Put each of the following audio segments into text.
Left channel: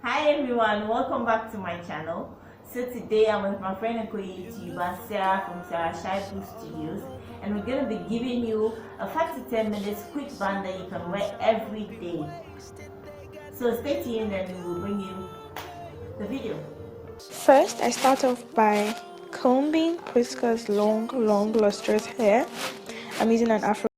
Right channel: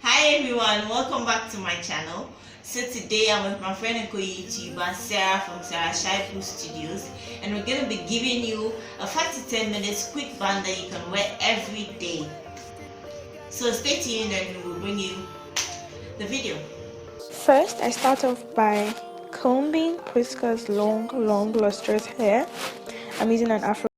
Hi everyone, welcome back to my channel. So today I'm with my friend and co-YouTuber Sarah from SHAIBU Studios, and we're going to be giving you a 5 to 10 minutes quick band that you can wear every day. So stay tuned and we'll bring you the video. First, I start off by combing Priska's long, lustrous hair. I'm using an afro.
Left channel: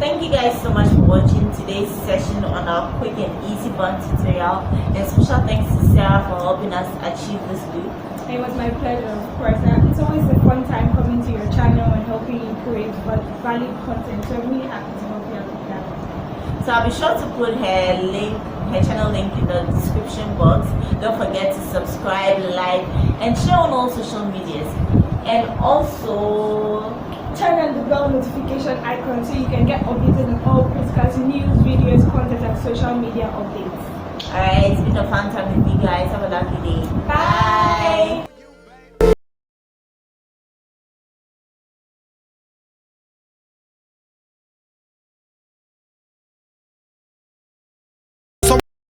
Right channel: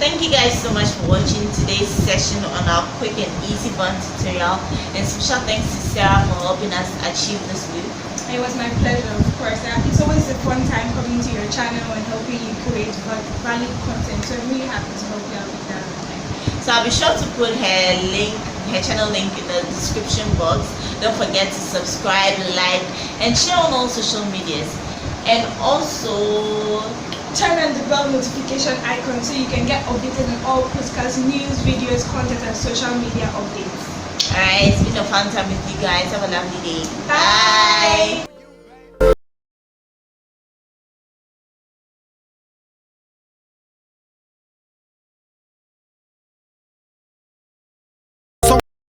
Thank you guys so much for watching today's session on our quick and easy band tutorial, and special thanks to Sarah for helping us achieve this look. It was my pleasure, of course. It's always a fun time coming to your channel and helping you create valid content. So I'm really happy to help you out with that. So I'll be sure to put her channel link in the description box. Don't forget to subscribe, like, and share on all social medias. And also turn on the bell notification icon so you can get updated on all podcasts, news, videos, content, and social media updates. Alright, it's been a fun time with you guys. Have a lovely day. Bye.